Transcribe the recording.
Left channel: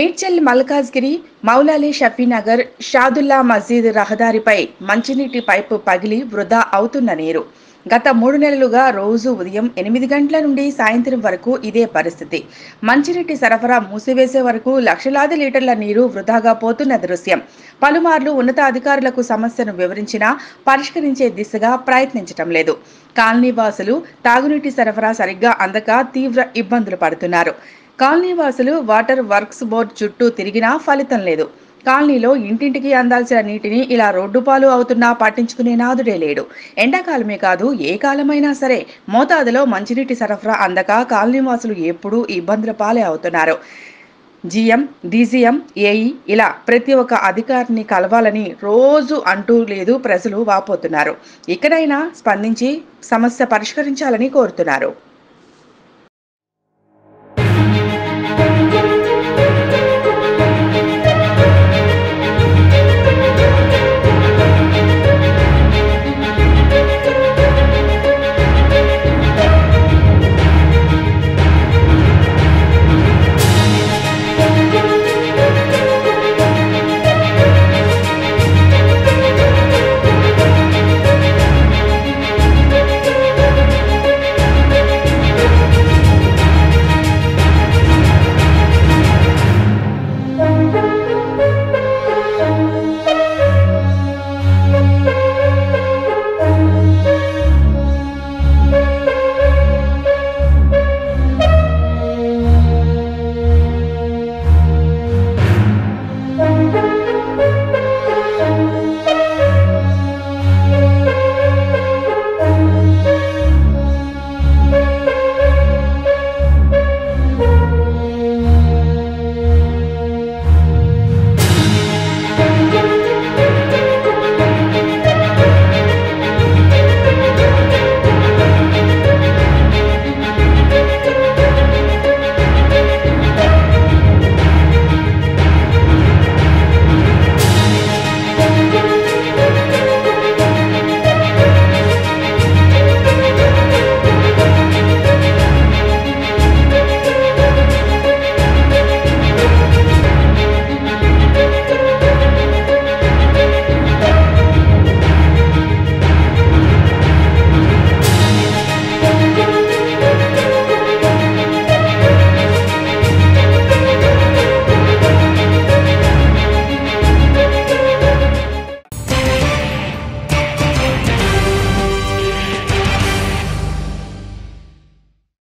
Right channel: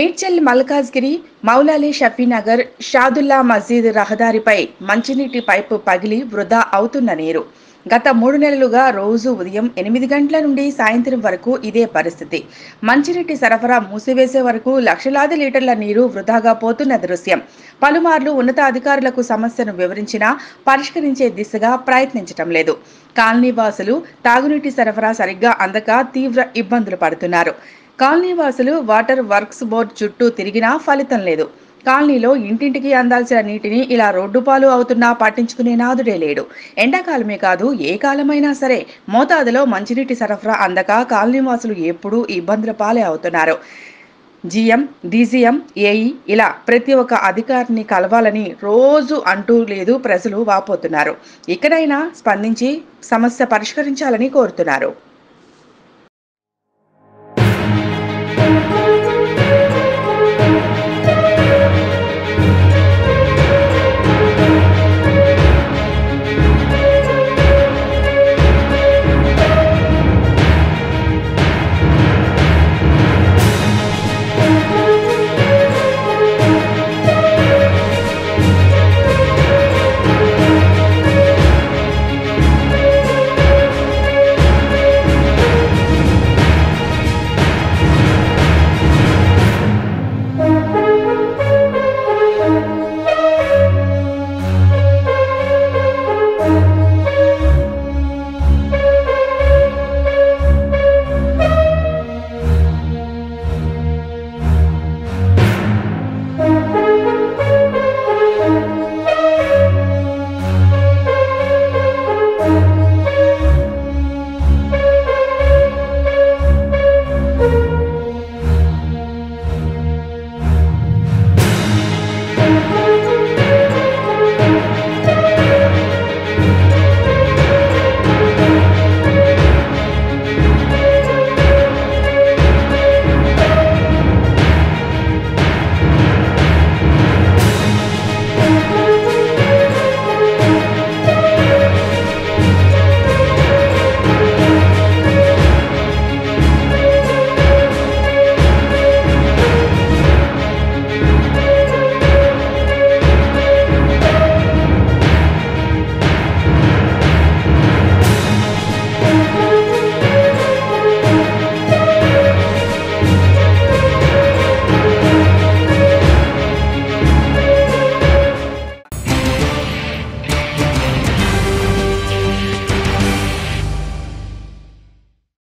మేడ్చల్ మల్కాజ్గిరి మౌలాలి షఫీనగర్ షాదుల్లా మస్జిద్ రహదారిపై మంచినీటి పైపు పగిలి వృధా అవుతున్న నీరు. గత 3 నెలలుగా రోజు ఉదయం 8 గంటల నుండి సాయంత్రం వరకు ఇదే పరిస్థితి. మంచినీటి సరఫరా మూసివేసే వరకు లక్షలాది లీటర్ల నీరు వృధాగా పోతున్న దృశ్యం. పలుమార్లు ఉన్నతాధికారులకు సమస్యను వివరించినా పరిష్కరించే దిశగా ప్రయత్నించటం లేదు. కాలనీవాసులు తాగునీటి సరఫరా సరిగ్గా అందక తీవ్ర ఇబ్బందులు పడుతున్నారు. కాలనీవాసులు వాటర్ వర్క్స్ బోర్డు చుట్టూ తిరిగినా ఫలితం లేదు. కాలనీలో ఇంటింటికి అందాల్సిన నీటిని ఇలా రోడ్డుపాలు అవుతున్నా పట్టించుకునే నాదుడే లేడు. ఎండాకాలమే కాదు, ఏ కాలమైనా సరే మోతాదులో మంచినీటి సరఫరా అందక కాలనీవాసులు ఎప్పుడూ ఇబ్బందుల పాలే అవుతున్నారు. జీఎం, డీజీఎం, ఏఈ ఇలా ప్రతి ఒక్క అధికారిని కలవాలని రోజు అంటూ లేదు ప్రజలు వాపోతున్నారు. ఇకనైనా స్పందించి సమస్య పరిష్కరించాలని కోరుతున్నారు.